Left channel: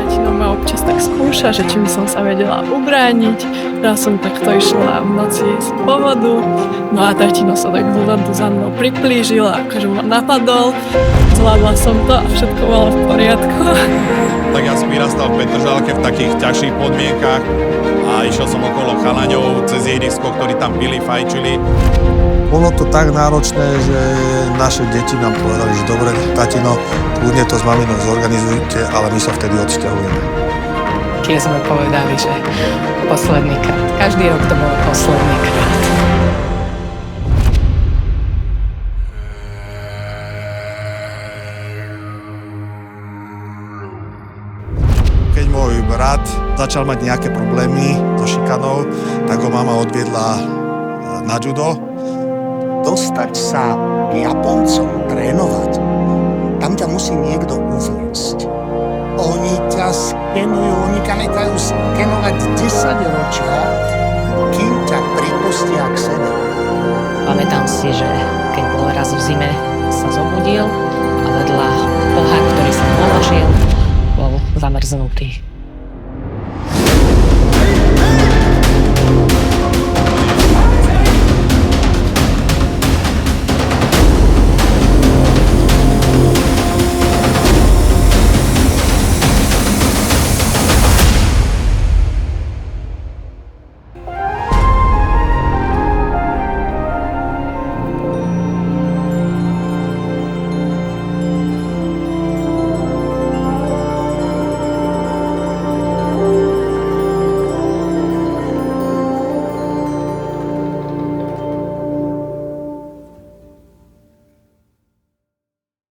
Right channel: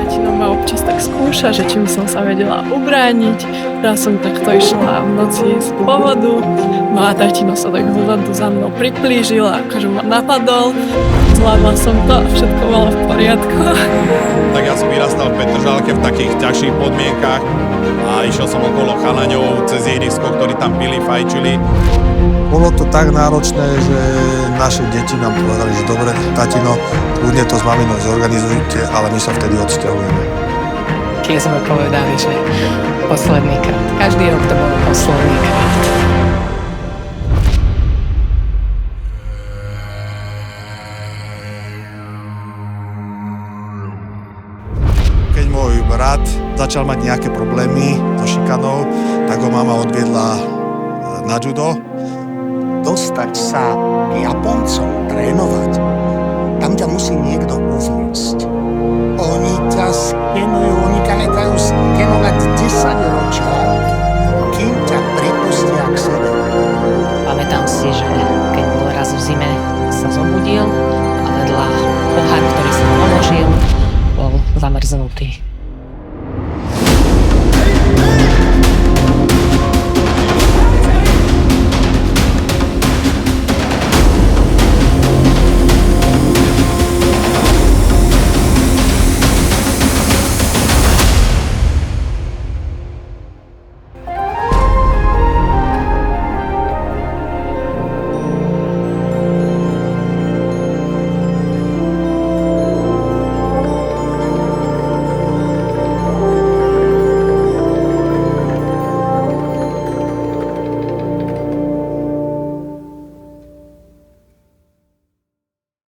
Tatino ma občas tak skúša, že či by som sa vedela ubrániť. Raz som takto išla v noci z povodu, no a tatino sa tak zozadu za mnou priplížil a akože ma napadol. Zvládla som to a všetko bolo v poriadku. Tak ja som vyrastal v Petržalke v takých ťažších podmienkach a išiel som okolo chalaňov cez ihrisko, ktorí tam pili, fajčili. Bolo to tak náročné, že naše deti nám povedali, že dobre, tatino, kľudne to s maminou zorganizujte, ale my sa vtedy odsťahujeme. Keď sme povedali, že posledný krát. Každý rok to bol posledný krát. Keď môj brat začal mať nejaké problémy so šikanou, tak ho mama odviedla na judo. Dostať sa k Japoncom, trénovať, tam ťa musí niekto uviesť. Oni ťa skenujú, oni ťa nechajú skenovať 10 ročia, kým ťa pripustia k sebe. Pamätám si, že keď bol raz v zime, sa zobudil a vedľa pohár, ktorý som položil, bol zamrznutý.